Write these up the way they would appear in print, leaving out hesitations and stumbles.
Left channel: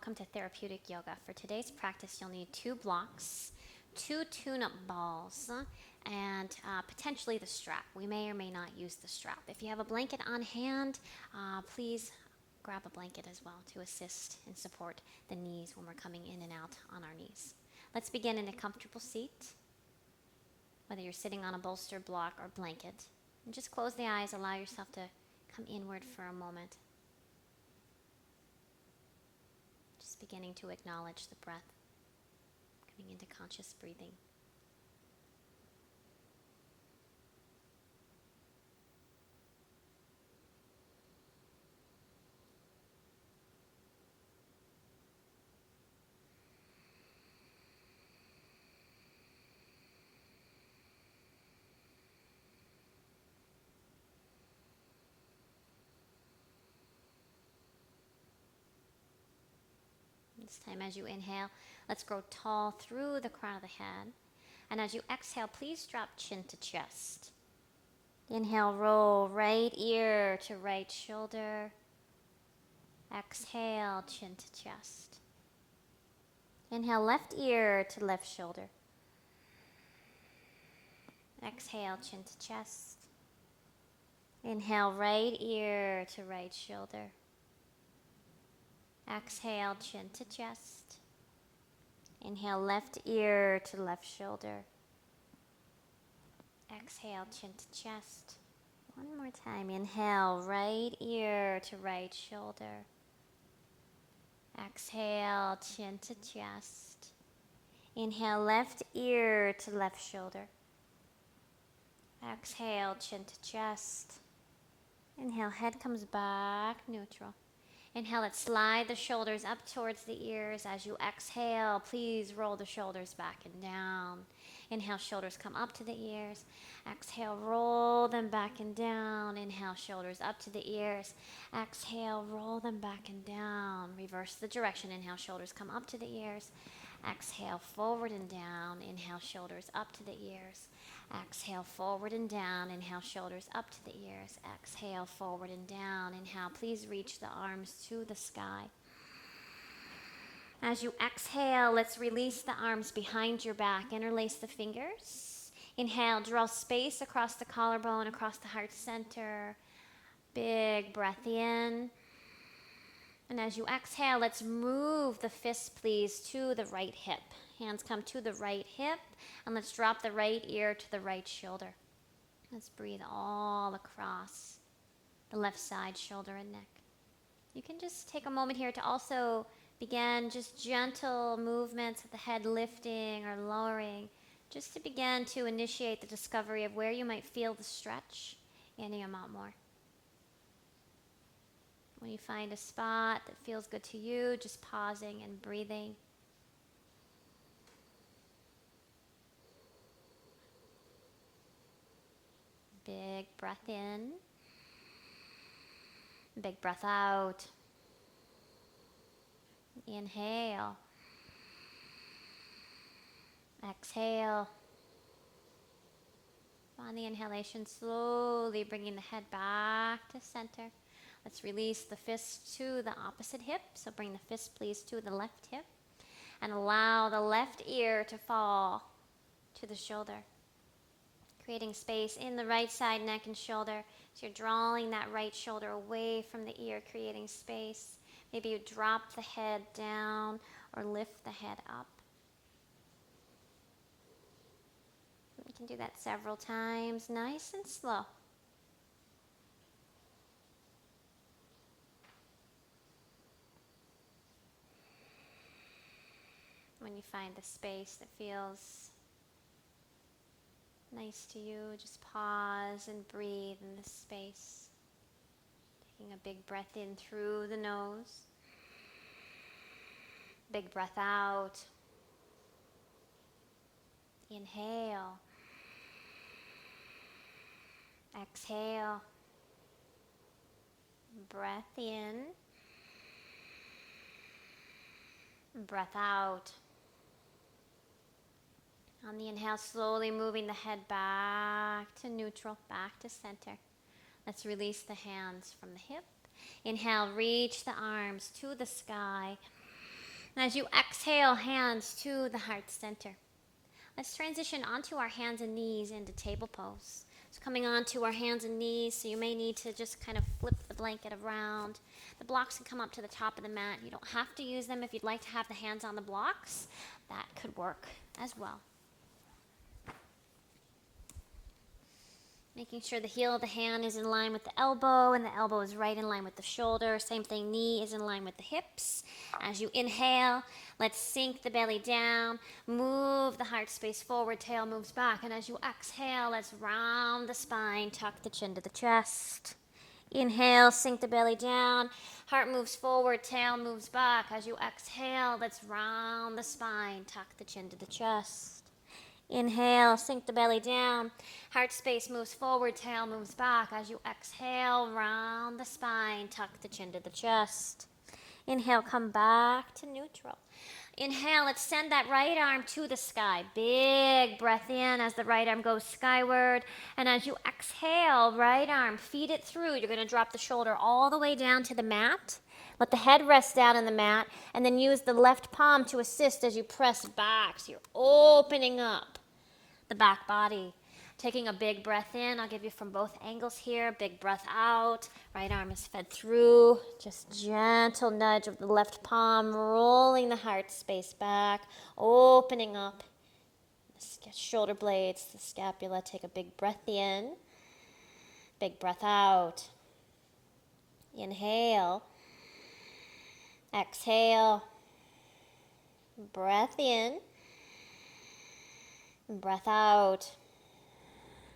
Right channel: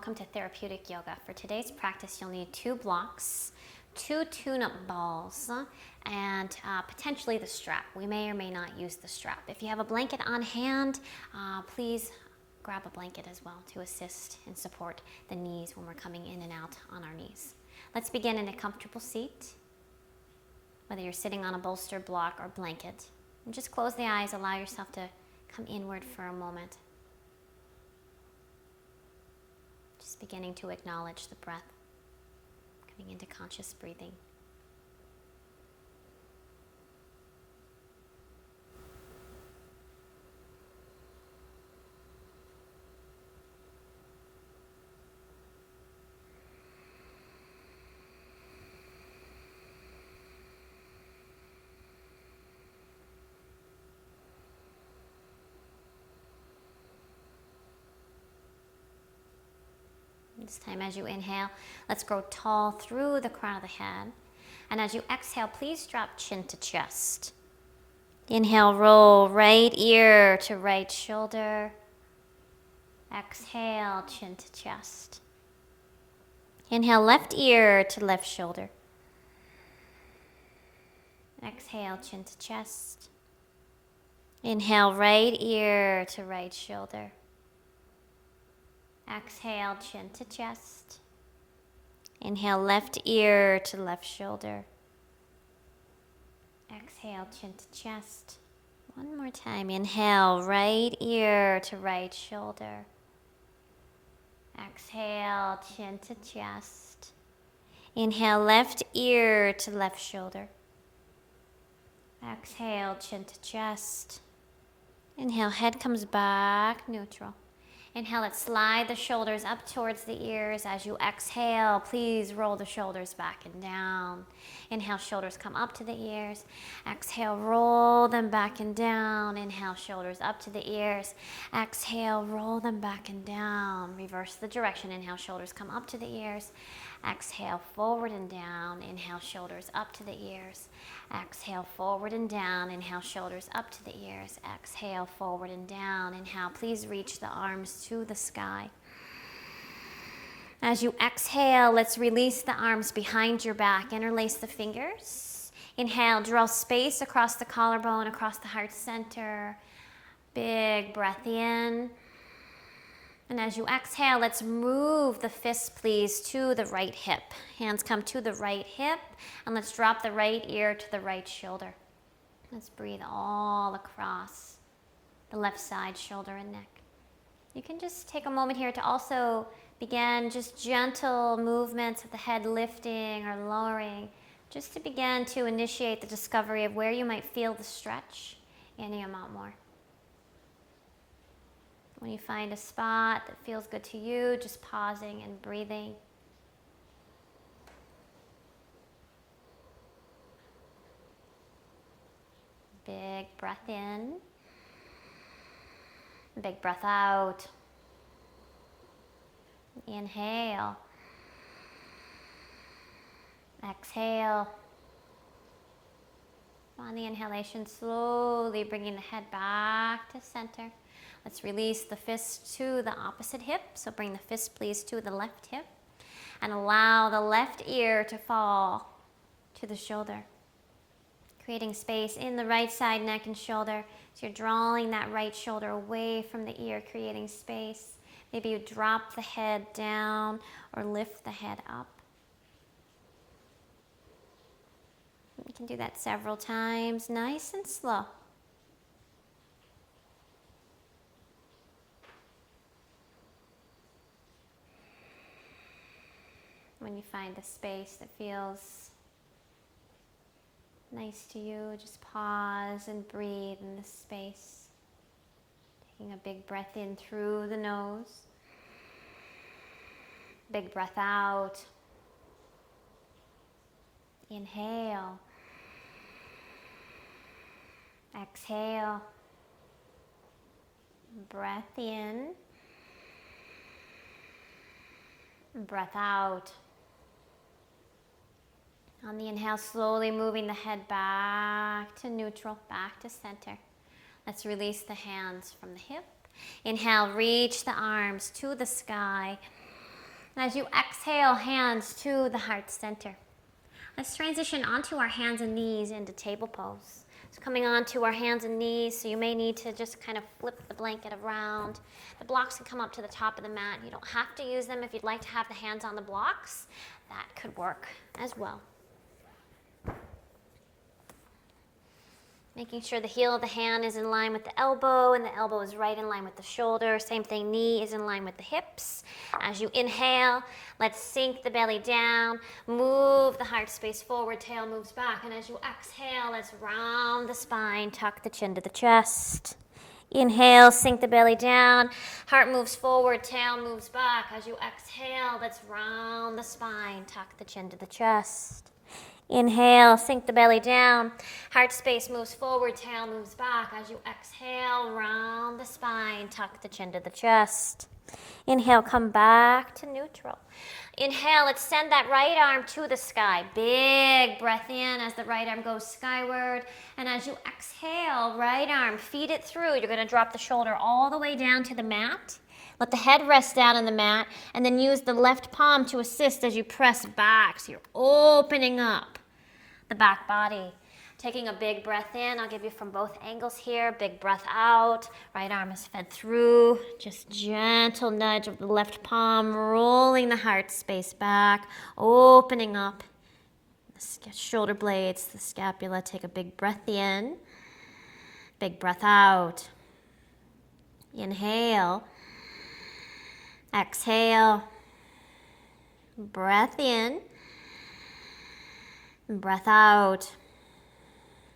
welcome to Therapeutic Yoga. For today's practice, you'll need 2 blocks, 2 tune-up balls, and potentially the strap. We may or may not use the strap. If you have a blanket on hand, please grab a blanket as well to assist and support the knees when we're coming in and out on our knees. Let's begin in a comfortable seat, whether you're sitting on a bolster, block, or blanket. And just close the eyes, allow yourself to come inward for a moment. Just beginning to acknowledge the breath, coming into conscious breathing. This time as you inhale, let's grow tall through the crown of the head. And as you exhale, please drop chin to chest. Inhale, roll right ear to right shoulder. Exhale, chin to chest. Inhale, left ear to left shoulder. Exhale, chin to chest. Inhale, right ear to right shoulder. Exhale, chin to chest. Inhale, left ear to left shoulder. Exhale, chin to chest. One more time. Inhale, right ear to right shoulder. Exhale, chin to chest. Inhale, left ear to left shoulder. Exhale, chin to chest. Inhale, head comes back, neutral. Inhale, let's slide the shoulders up towards the ears. As you exhale, please roll the shoulders back and down. Inhale, shoulders come up to the ears. Exhale, roll them back and down. Inhale, shoulders up to the ears. Exhale, roll them back and down. Reverse the direction. Inhale, shoulders come up to the ears. Exhale, forward and down. Inhale, shoulders up to the ears. Exhale, forward and down. Inhale, shoulders up to the ears. Exhale, forward and down. Inhale, please reach the arms to the sky. As you exhale, let's release the arms behind your back. Interlace the fingers. Inhale, draw space across the collarbone, across the heart center. Big breath in. And as you exhale, let's move the fist, please, to the right hip. Hands come to the right hip, and let's drop the right ear to the right shoulder. Let's breathe all across the left side, shoulder and neck. You can just take a moment here to also begin just gentle movements of the head lifting or lowering, just to begin to initiate the discovery of where you might feel the stretch any amount more. When you find a spot that feels good to you, just pausing and breathing. Big breath in. Big breath out. Inhale. Exhale. On the inhalation, slowly bringing the head back to center. Let's release the fist to the opposite hip. So bring the fist, please, to the left hip. And allow the left ear to fall to the shoulder. Creating space in the right side, neck and shoulder. So you're drawing that right shoulder away from the ear, creating space. Maybe you drop the head down or lift the head up. You can do that several times, nice and slow. When you find the space that feels nice to you, just pause and breathe in the space. Taking a big breath in through the nose. Big breath out. Inhale. Exhale. Breath in. Breath out. On the inhale, slowly moving the head back to neutral, back to center. Let's release the hands from the hip. Inhale, reach the arms to the sky. As you exhale, hands to the heart center. Let's transition onto our hands and knees into table pose. So coming onto our hands and knees, so you may need to just kind of flip the blanket around. The blocks can come up to the top of the mat. You don't have to use them. If you'd like to have the hands on the blocks, that could work as well. Making sure the heel of the hand is in line with the elbow and the elbow is right in line with the shoulder. Same thing, knee is in line with the hips. As you inhale, let's sink the belly down, move the heart space forward, tail moves back. And as you exhale, let's round the spine, tuck the chin to the chest. Inhale, sink the belly down, heart moves forward, tail moves back. As you exhale, let's round the spine, tuck the chin to the chest. Inhale, sink the belly down, heart space moves forward, tail moves back. As you exhale, round the spine, tuck the chin to the chest. Inhale, come back to neutral. Inhale, let's send that right arm to the sky. Big breath in as the right arm goes skyward. And as you exhale, right arm, feed it through. You're going to drop the shoulder all the way down to the mat. Let the head rest down on the mat. And then use the left palm to assist as you press back. So you're opening up the back body. Taking a big breath in. I'll give you from both angles here. Big breath out. Right arm is fed through. Just gentle nudge of the left palm, rolling the heart space back, opening up the shoulder blades, the scapula. Take a big breath in. Big breath out. Inhale. Exhale. Breath in. Breath out.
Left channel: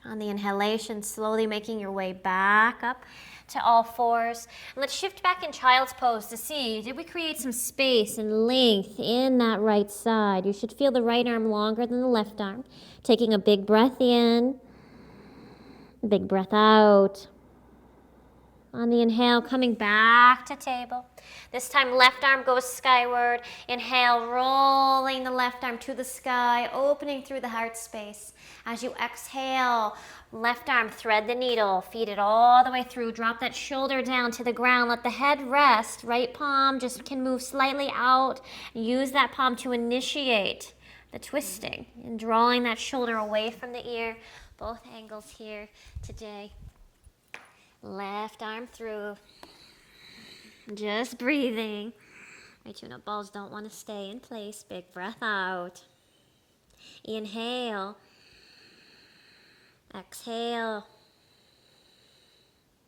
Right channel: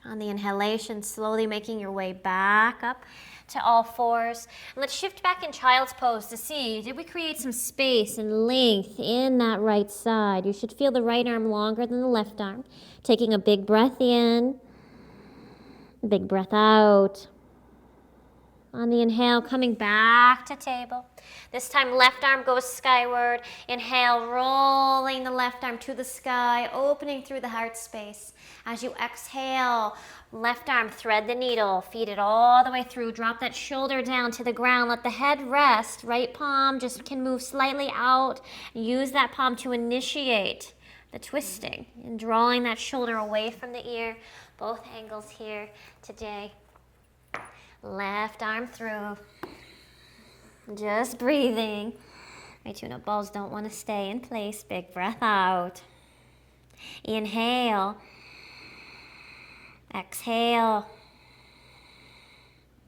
On the inhalation, slowly making your way back up to all fours. And let's shift back in child's pose to see, did we create some space and length in that right side? You should feel the right arm longer than the left arm. Taking a big breath in, big breath out. On the inhale, coming back to table. This time, left arm goes skyward. Inhale, rolling the left arm to the sky, opening through the heart space. As you exhale, left arm, thread the needle, feed it all the way through. Drop that shoulder down to the ground. Let the head rest. Right palm just can move slightly out. Use that palm to initiate the twisting and drawing that shoulder away from the ear. Both angles here today. Left arm through. Just breathing. My tune-up balls don't want to stay in place. Big breath out. Inhale. Exhale.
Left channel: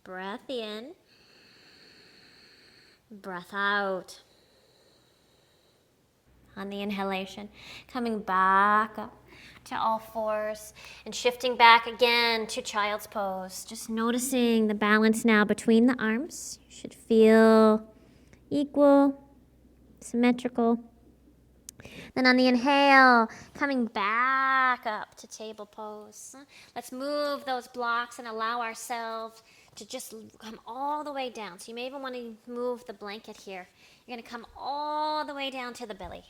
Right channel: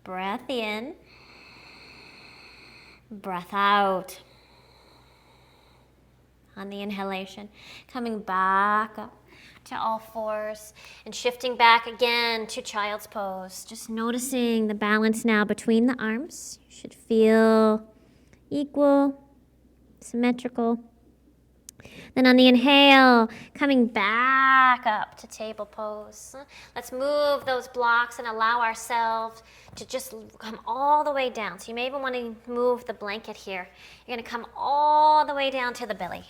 Breath in. Breath out. On the inhalation, coming back up to all fours and shifting back again to child's pose. Just noticing the balance now between the arms. You should feel equal, symmetrical. Then on the inhale, coming back up to table pose. Let's move those blocks and allow ourselves to just come all the way down. So you may even want to move the blanket here. You're going to come all the way down to the belly.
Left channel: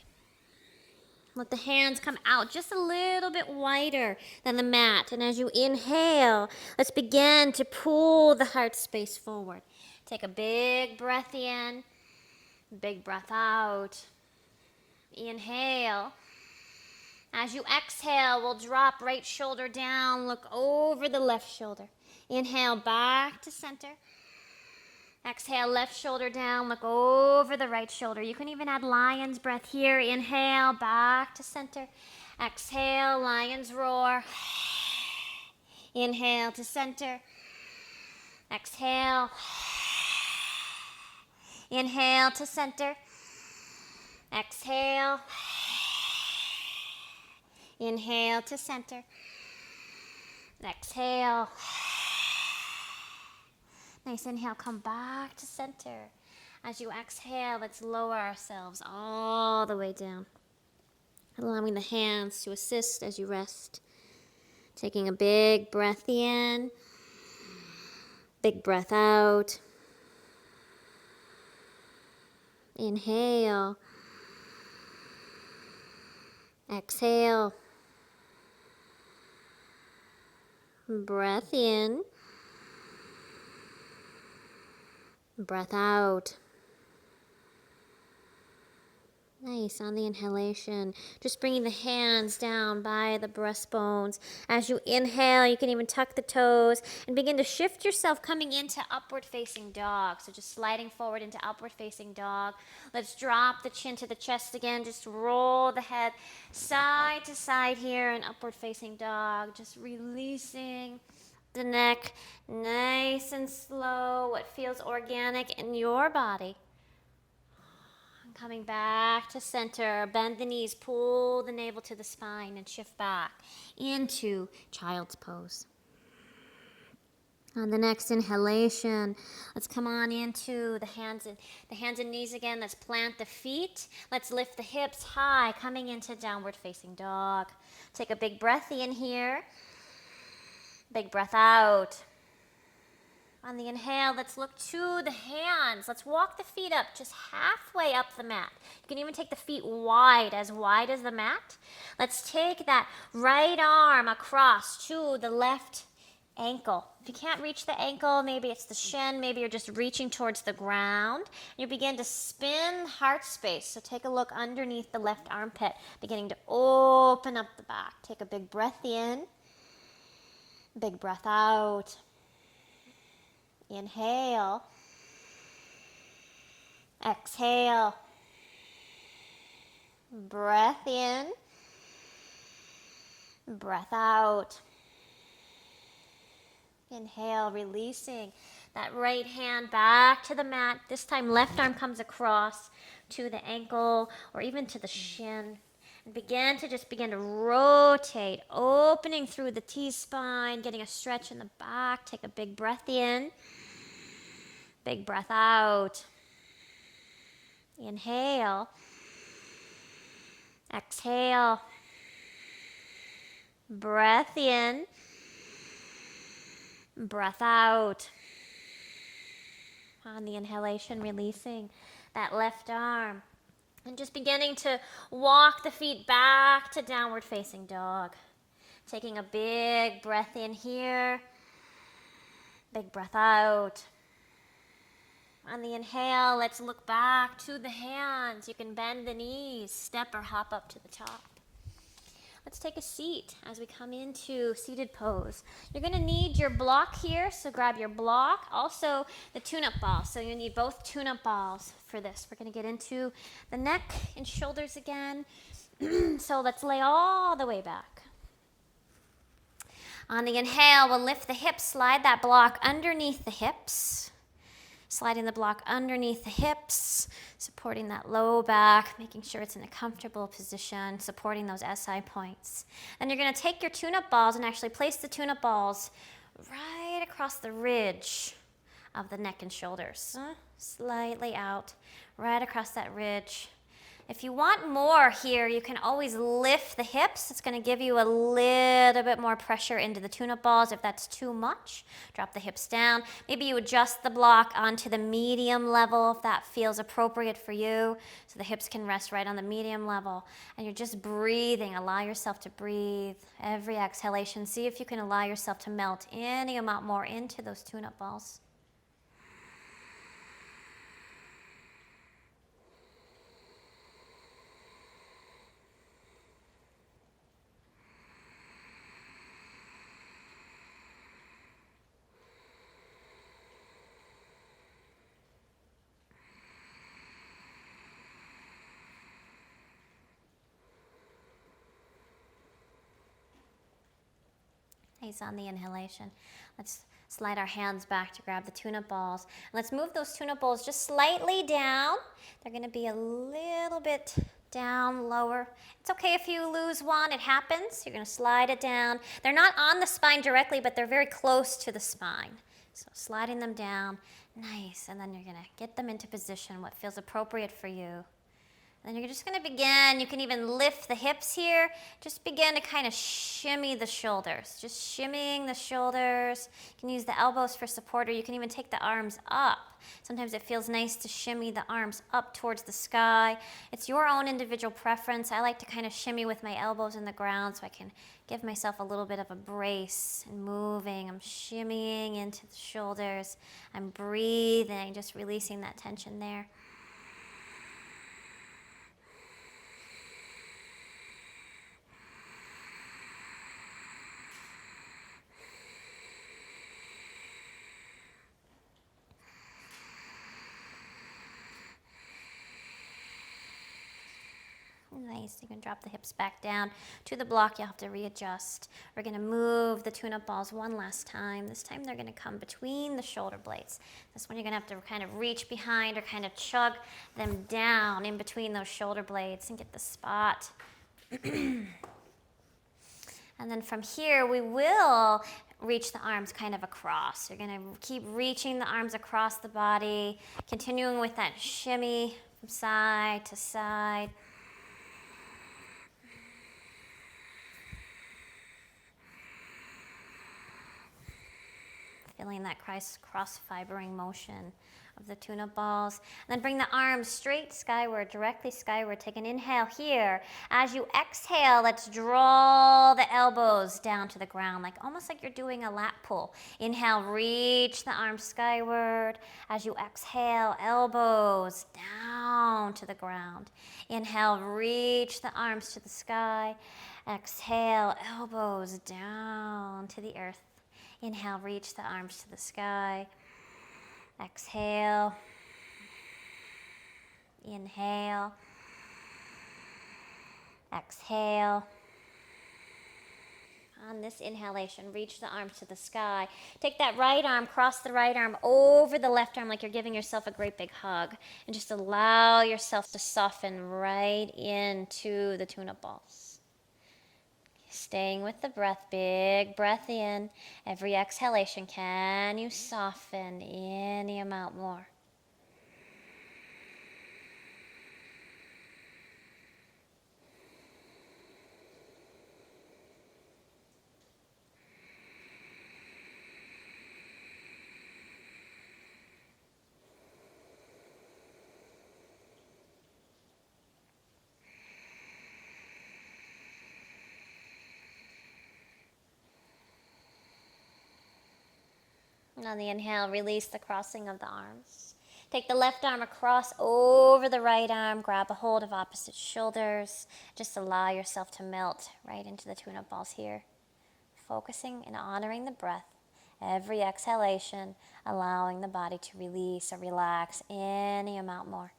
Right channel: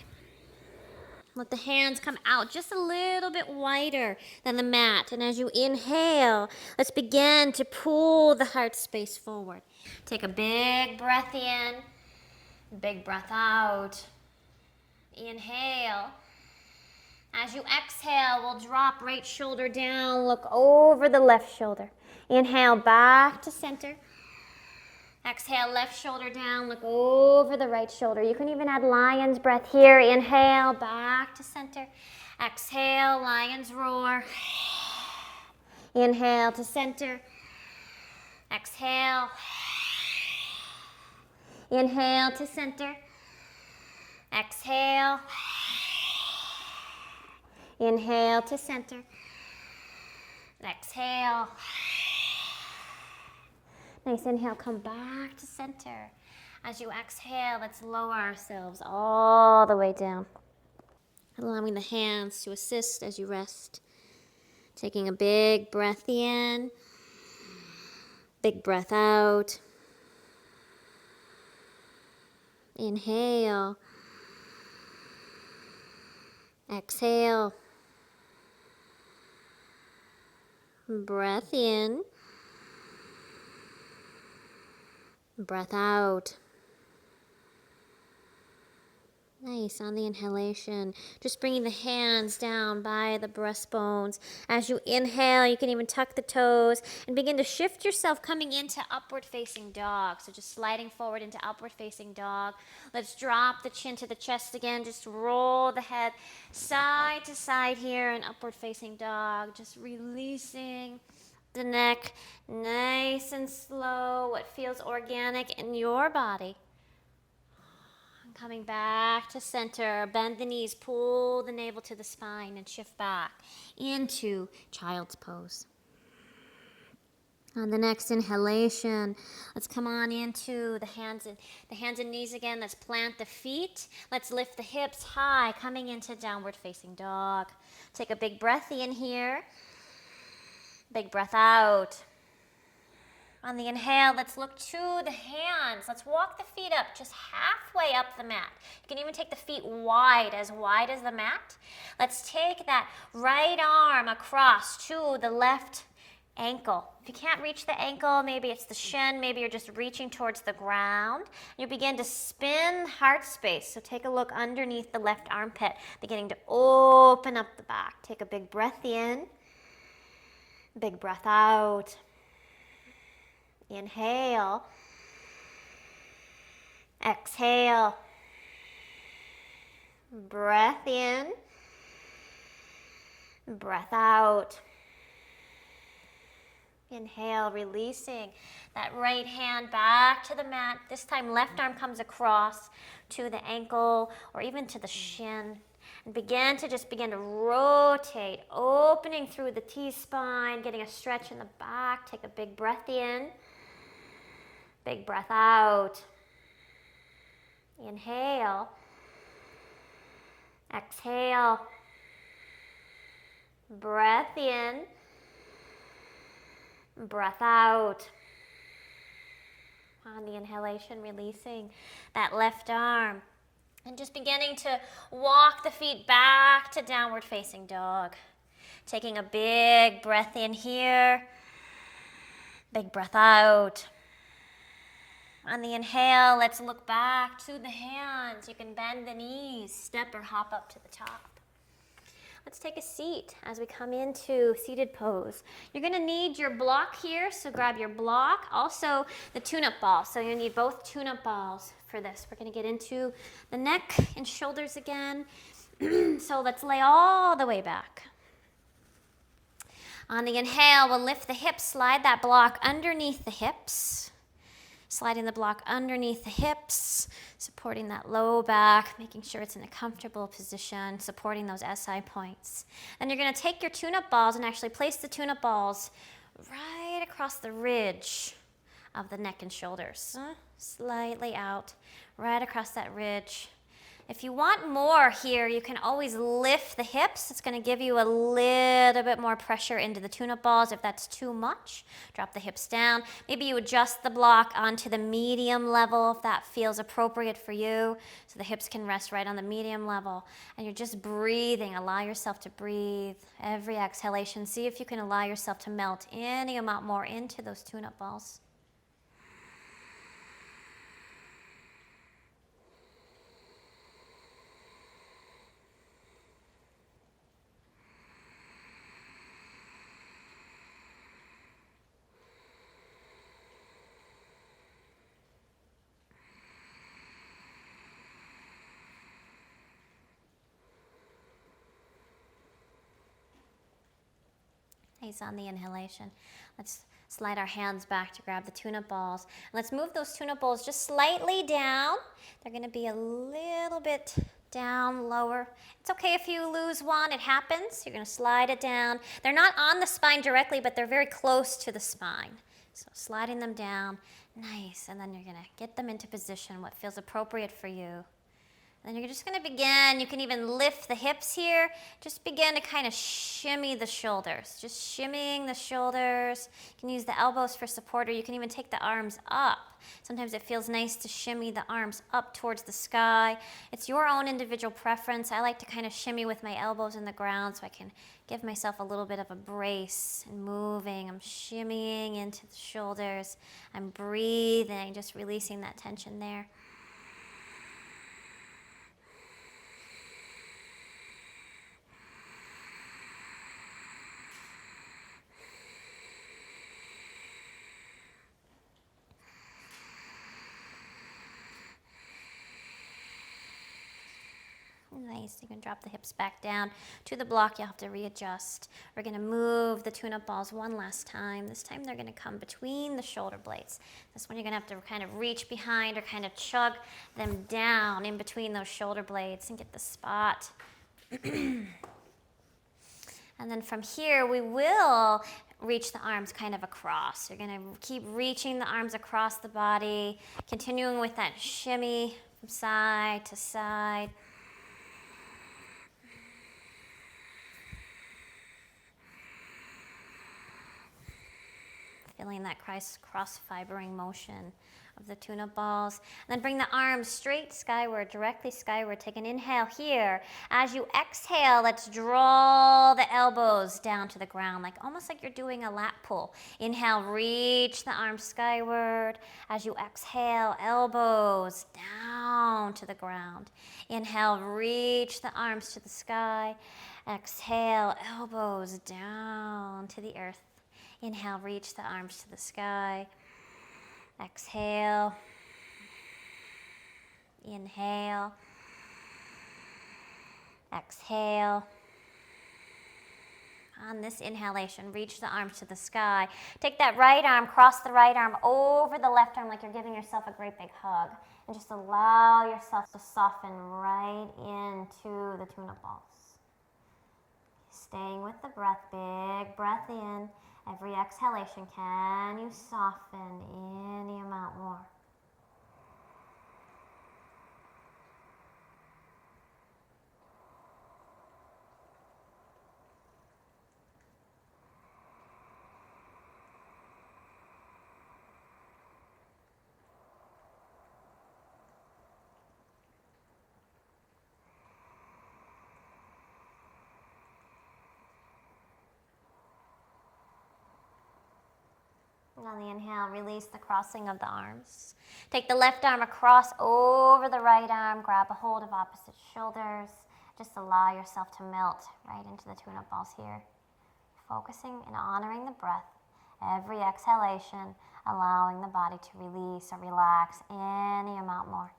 Let the hands come out just a little bit wider than the mat. And as you inhale, let's begin to pull the heart space forward. Take a big breath in, big breath out. Inhale. As you exhale, we'll drop right shoulder down, look over the left shoulder. Inhale, back to center. Exhale, left shoulder down, look over the right shoulder. You can even add lion's breath here. Inhale, back to center. Exhale, lion's roar. Inhale to center. Exhale. Inhale to center. Exhale. Inhale to center. Exhale. Nice inhale, come back to center. As you exhale, let's lower ourselves all the way down. Allowing the hands to assist as you rest. Taking a big breath in, big breath out. Inhale. Exhale. Breath in. Breath out. Nice. On the inhalation, just bringing the hands down by the breastbones. As you inhale, you can even tuck the toes and begin to shift yourself coming into upward facing dog. So just sliding forward into upward facing dog. Let's drop the chin to the chest again. Just roll the head side to side here in upward facing dog. Just releasing the neck nice and slow. What feels organic in your body. Coming back to center, bend the knees, pull the navel to the spine and shift back into child's pose. On the next inhalation, let's come on into the hands and knees again. Let's plant the feet. Let's lift the hips high, coming into downward facing dog. Take a big breath in here. Big breath out. On the inhale, let's look to the hands. Let's walk the feet up just halfway up the mat. You can even take the feet wide as the mat. Let's take that right arm across to the left ankle. If you can't reach the ankle, maybe it's the shin, maybe you're just reaching towards the ground. You begin to spin heart space. So take a look underneath the left armpit, beginning to open up the back. Take a big breath in, big breath out. Inhale, exhale, breath in, breath out. Inhale, releasing that right hand back to the mat. This time left arm comes across to the ankle or even to the shin. And begin to rotate, opening through the T-spine, getting a stretch in the back. Take a big breath in. Big breath out. Inhale. Exhale. Breath in. Breath out. On the inhalation, releasing that left arm. And just beginning to walk the feet back to downward facing dog. Taking a big breath in here. Big breath out. On the inhale, let's look back to the hands. You can bend the knees, step or hop up to the top. Let's take a seat as we come into seated pose. You're going to need your block here, so grab your block. Also, the tune-up ball. So you need both tune-up balls for this. We're going to get into the neck and shoulders again. So let's lay all the way back. On the inhale, we'll lift the hips, slide that block underneath the hips. Sliding the block underneath the hips, supporting that low back, making sure it's in a comfortable position, supporting those SI points. Then you're going to take your tune-up balls and actually place the tune-up balls right across the ridge of the neck and shoulders. Slightly out, right across that ridge. If you want more here, you can always lift the hips. It's going to give you a little bit more pressure into the tune-up balls. If that's too much, drop the hips down. Maybe you adjust the block onto the medium level if that feels appropriate for you, so the hips can rest right on the medium level. And you're just breathing. Allow yourself to breathe. Every exhalation, see if you can allow yourself to melt any amount more into those tune-up balls. Nice on the inhalation. Let's slide our hands back to grab the tune-up balls. And let's move those tune-up balls just slightly down. They're going to be a little bit down lower. It's okay if you lose one. It happens. You're going to slide it down. They're not on the spine directly, but they're very close to the spine. So sliding them down. Nice. And then you're going to get them into position, what feels appropriate for you. And then you're just going to begin, you can even lift the hips here. Just begin to kind of shimmy the shoulders. Just shimmying the shoulders. You can use the elbows for support, or you can even take the arms up. Sometimes it feels nice to shimmy the arms up towards the sky. It's your own individual preference. I like to kind of shimmy with my elbows in the ground so I can give myself a little bit of a brace and moving. I'm shimmying into the shoulders. I'm breathing, just releasing that tension there. Nice. You can drop the hips back down to the block. You'll have to readjust. We're going to move the tune-up balls one last time. This time they're going to come between the shoulder blades. This one you're going to have to kind of reach behind or kind of chug them down in between those shoulder blades and get the spot. And then from here, we will reach the arms kind of across. You're going to keep reaching the arms across the body, continuing with that shimmy from side to side. Feeling that cross-fibering motion of the tune-up balls. And then bring the arms straight skyward, directly skyward. Take an inhale here. As you exhale, let's draw the elbows down to the ground, almost like you're doing a lat pull. Inhale, reach the arms skyward. As you exhale, elbows down to the ground. Inhale, reach the arms to the sky. Exhale, elbows down to the earth. Inhale, reach the arms to the sky. Exhale. Inhale. Exhale. On this inhalation, reach the arms to the sky. Take that right arm, cross the right arm over the left arm like you're giving yourself a great big hug. And just allow yourself to soften right into the tune-up balls. Staying with the breath, big breath in. Every exhalation, can you soften any amount more? And on the inhale, release the crossing of the arms. Take the left arm across over the right arm. Grab a hold of opposite shoulders. Just allow yourself to melt right into the tune-up balls here. Focusing and honoring the breath. Every exhalation, allowing the body to release or relax any amount more.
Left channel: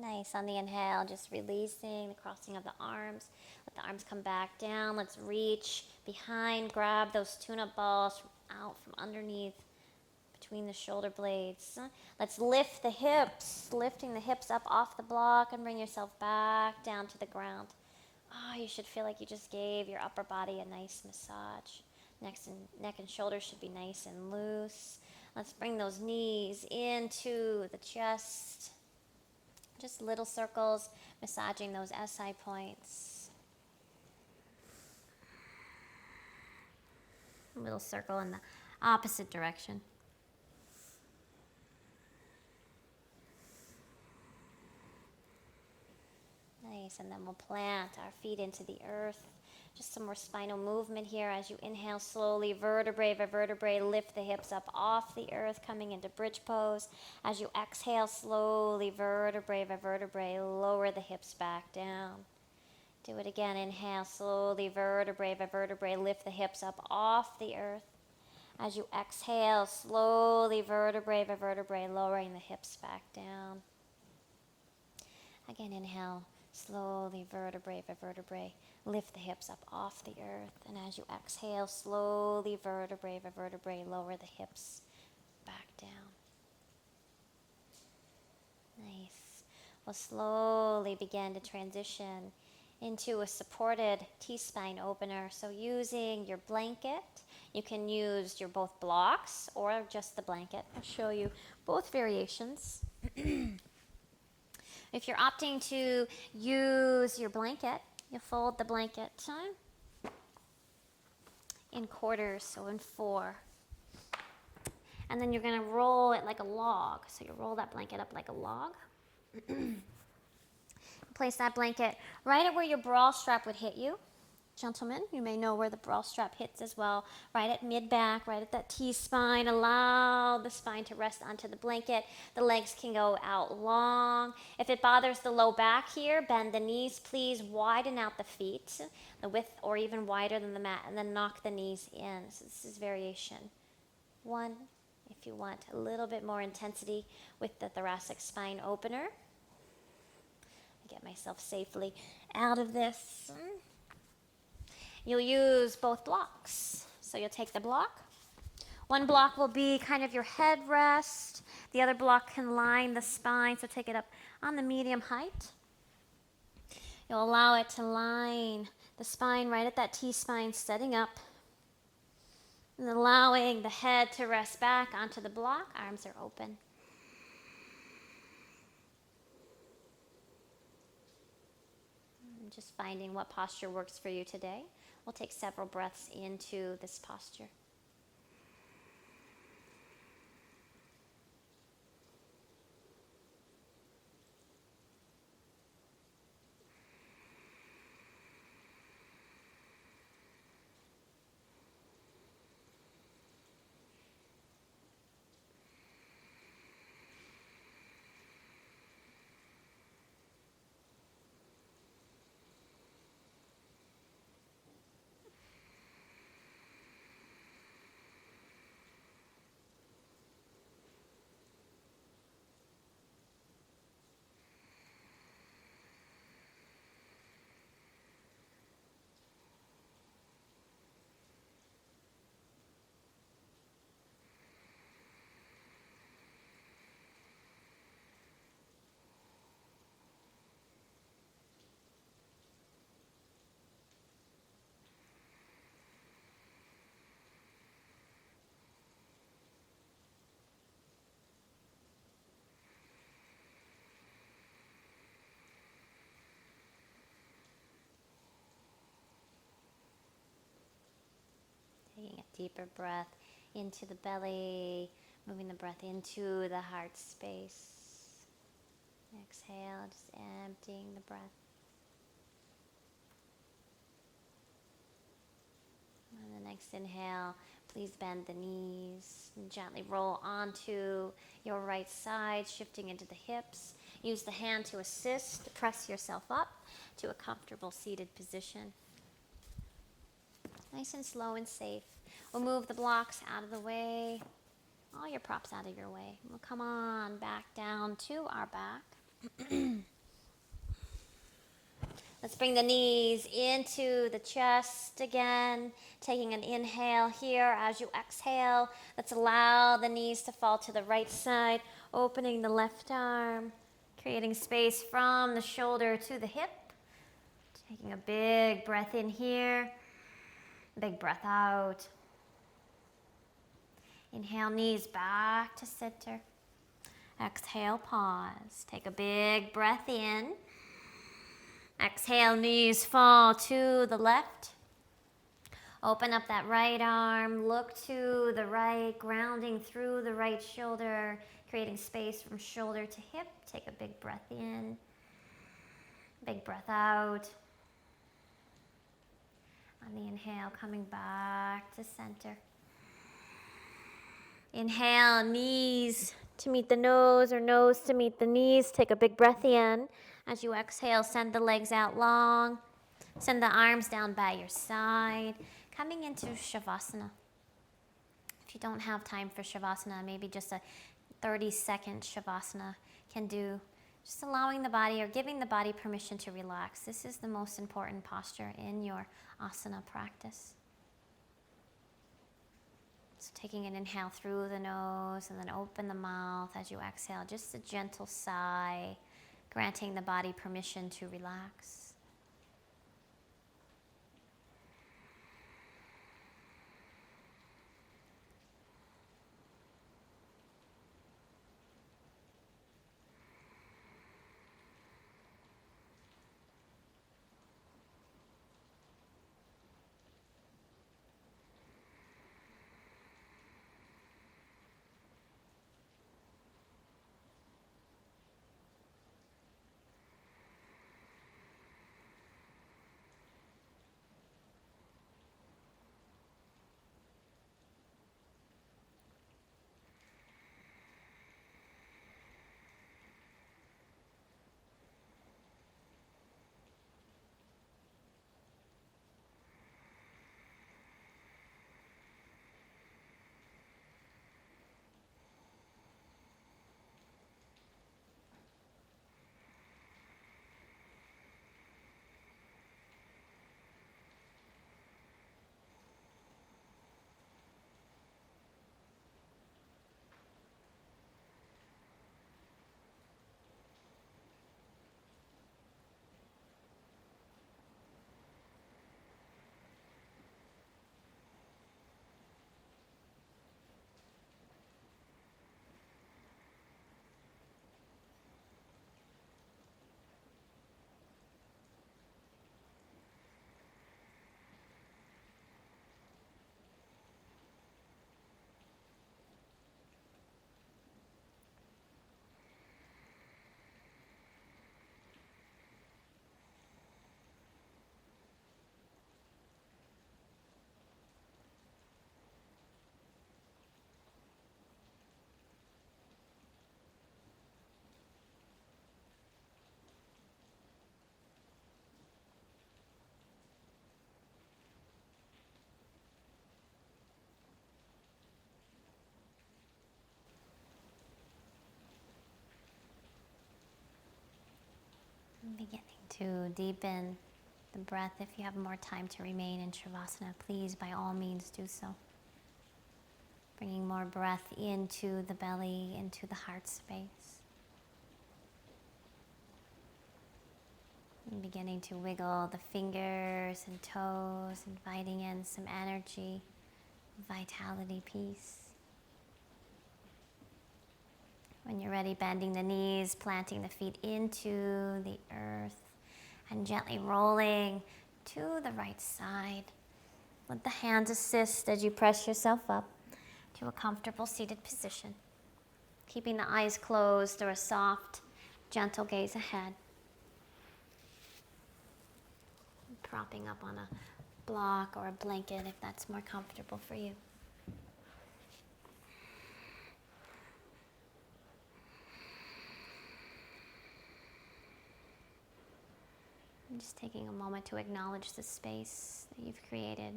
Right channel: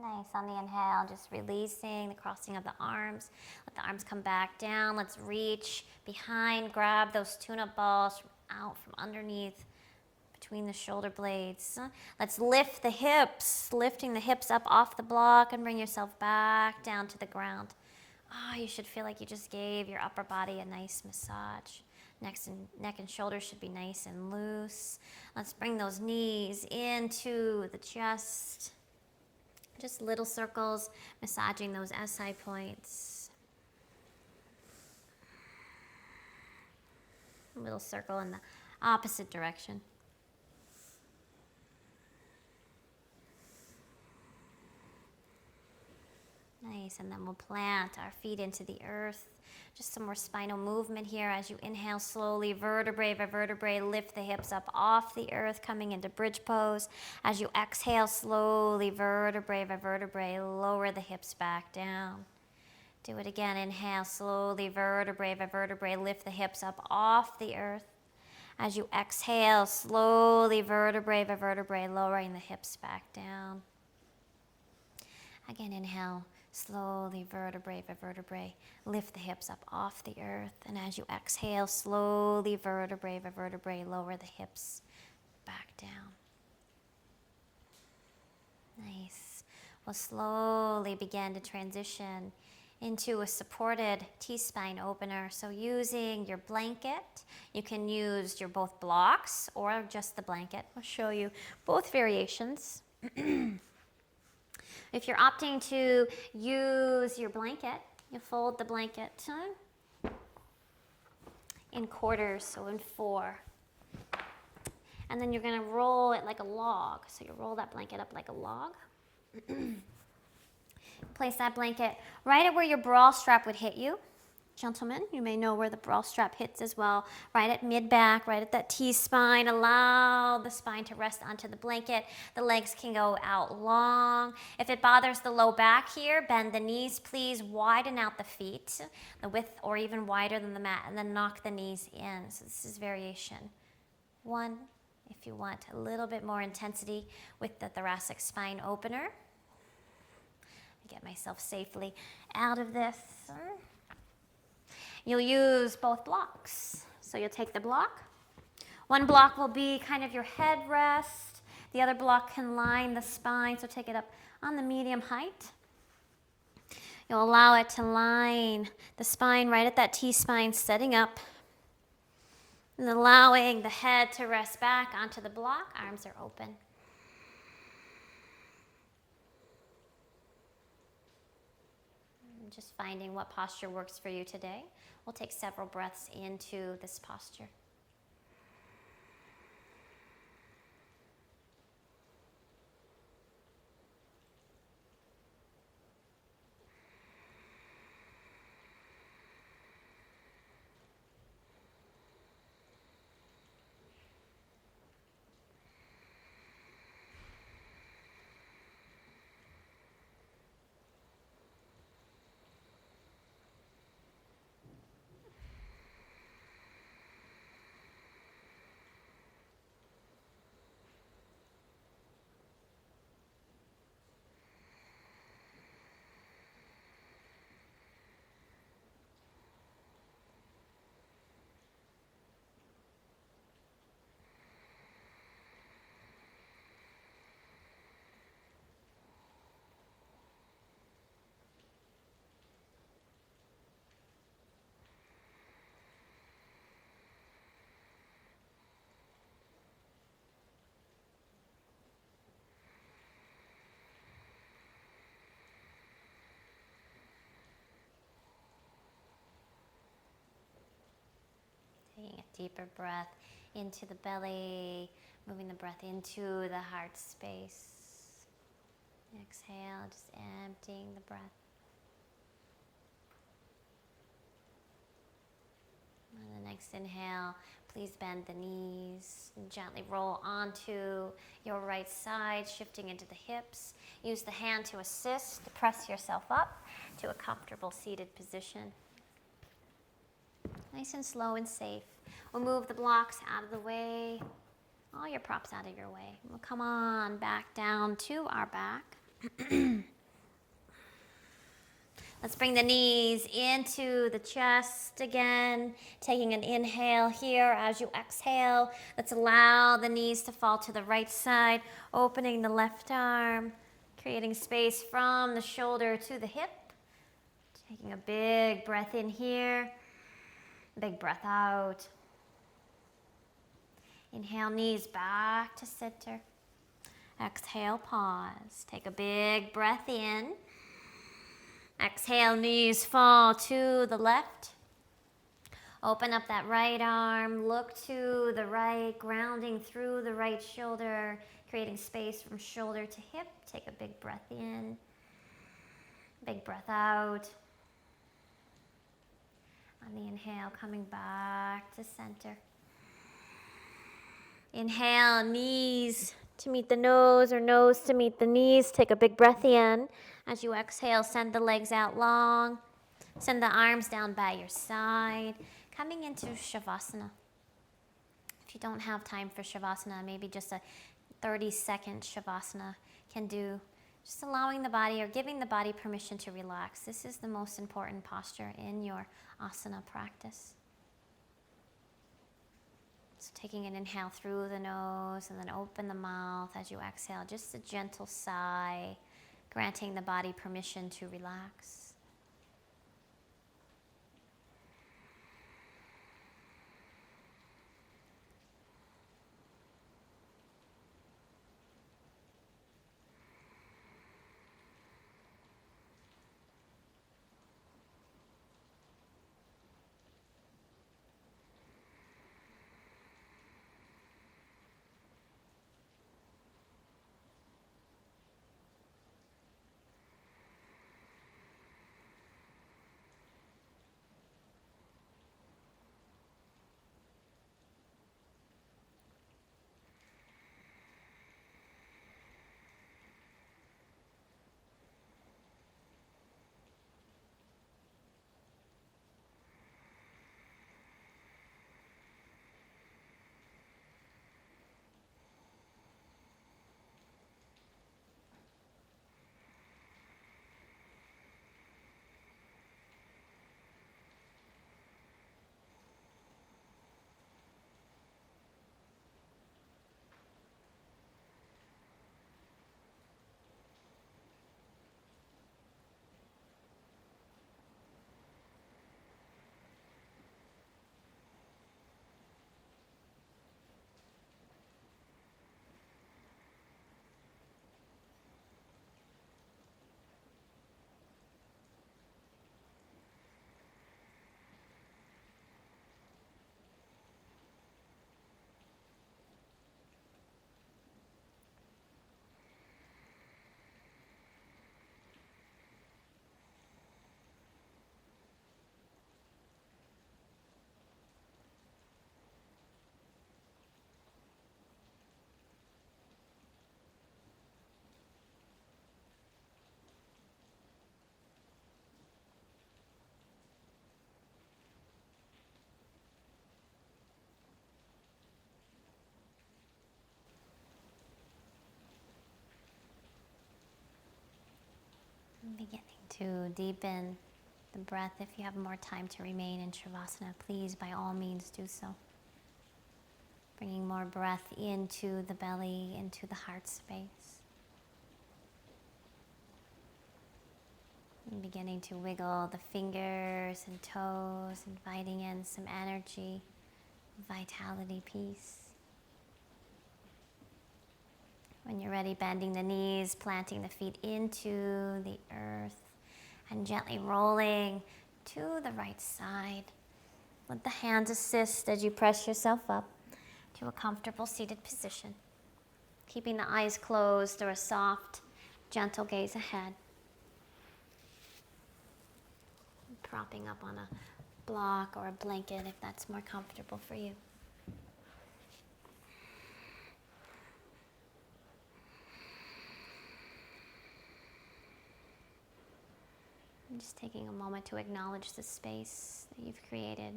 Nice. On the inhale, just releasing the crossing of the arms. Let the arms come back down. Let's reach behind, grab those tune-up balls out from underneath, between the shoulder blades. Let's lift the hips, lifting the hips up off the block and bring yourself back down to the ground. Oh, you should feel like you just gave your upper body a nice massage. Neck and shoulders should be nice and loose. Let's bring those knees into the chest. Just little circles, massaging those SI points. A little circle in the opposite direction. Nice, and then we'll plant our feet into the earth. Just some more spinal movement here as you inhale slowly, vertebrae by vertebrae, lift the hips up off the earth, coming into bridge pose. As you exhale slowly, vertebrae by vertebrae, lower the hips back down. Do it again, inhale slowly, vertebrae by vertebrae, lift the hips up off the earth. As you exhale slowly, vertebrae by vertebrae, lowering the hips back down. Again, inhale. Slowly, vertebrae by vertebrae, lift the hips up off the earth. And as you exhale, slowly, vertebrae by vertebrae, lower the hips back down. Nice. We'll slowly begin to transition into a supported T-spine opener. So using your blanket, you can use your both blocks or just the blanket. I'll show you both variations. If you're opting to use your blanket, you fold the blanket in quarters, so in 4. And then you're gonna roll it like a log. So you roll that blanket up like a log. Place that blanket right at where your bra strap would hit you. Gentlemen, you may know where the bra strap hits as well. Right at mid-back, right at that T-spine. Allow the spine to rest onto the blanket. The legs can go out long. If it bothers the low back here, bend the knees. Please widen out the feet, the width or even wider than the mat, and then knock the knees in. So this is variation 1. If you want a little bit more intensity with the thoracic spine opener. Get myself safely out of this. You'll use both blocks. So you'll take the block. One block will be kind of your headrest. The other block can line the spine, so take it up on the medium height. You'll allow it to line the spine right at that T-spine, setting up. And allowing the head to rest back onto the block. Arms are open. Just finding what posture works for you today. We'll take several breaths into this posture. Taking a deeper breath into the belly, moving the breath into the heart space. Exhale, just emptying the breath. On the next inhale, please bend the knees and gently roll onto your right side, shifting into the hips. Use the hand to assist, to press yourself up to a comfortable seated position. Nice and slow and safe. We'll move the blocks out of the way, all your props out of your way. We'll come on back down to our back. Let's bring the knees into the chest again, taking an inhale here as you exhale. Let's allow the knees to fall to the right side, opening the left arm, creating space from the shoulder to the hip. Taking a big breath in here, big breath out. Inhale, knees back to center. Exhale, pause. Take a big breath in. Exhale, knees fall to the left. Open up that right arm, look to the right, grounding through the right shoulder, creating space from shoulder to hip. Take a big breath in, big breath out. On the inhale, coming back to center. Inhale, knees to meet the nose or nose to meet the knees. Take a big breath in. As you exhale, send the legs out long. Send the arms down by your side. Coming into Shavasana. If you don't have time for Shavasana, maybe just a 30-second Shavasana can do. Just allowing the body or giving the body permission to relax. This is the most important posture in your asana practice. So taking an inhale through the nose and then open the mouth as you exhale. Just a gentle sigh, granting the body permission to relax. To deepen the breath, if you have more time to remain in Shavasana, please by all means do so. Bringing more breath into the belly, into the heart space. And beginning to wiggle the fingers and toes, inviting in some energy, vitality, peace. When you're ready, bending the knees, planting the feet into the earth, and gently rolling to the right side. Let the hands assist as you press yourself up to a comfortable seated position, keeping the eyes closed or a soft, gentle gaze ahead. Propping up on a block or a blanket if that's more comfortable for you. And just taking a moment to acknowledge the space that you've created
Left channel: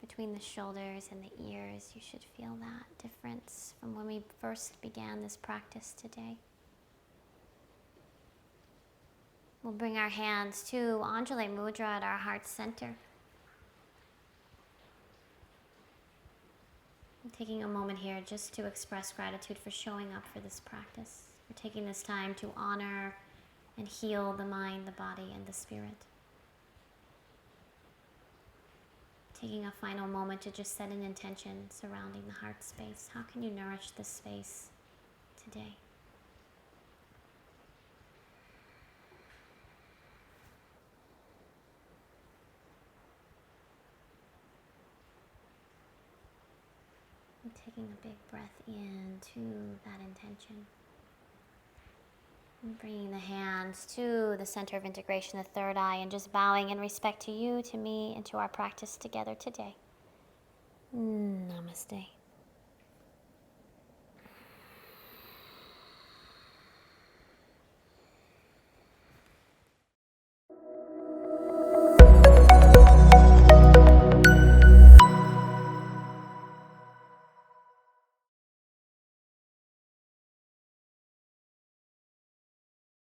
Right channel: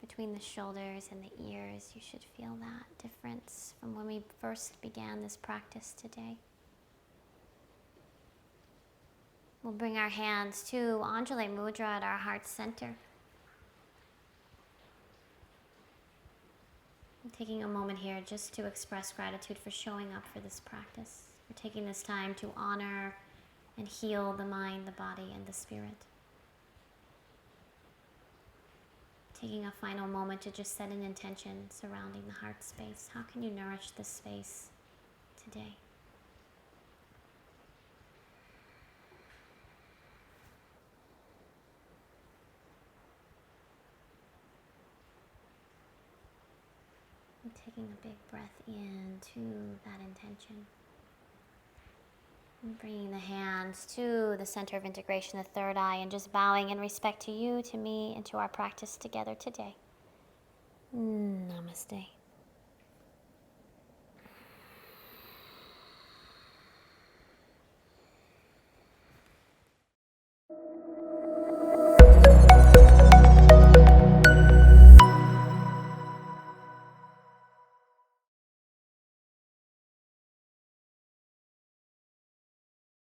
between the shoulders and the ears. You should feel that difference from when we first began this practice today. We'll bring our hands to Anjali Mudra at our heart center. I'm taking a moment here just to express gratitude for showing up for this practice. For taking this time to honor and heal the mind, the body, and the spirit. Taking a final moment to just set an intention surrounding the heart space. How can you nourish this space today? And taking a big breath into that intention. And bringing the hands to the center of integration, the third eye, and just bowing in respect to you, to me, and to our practice together today. Namaste.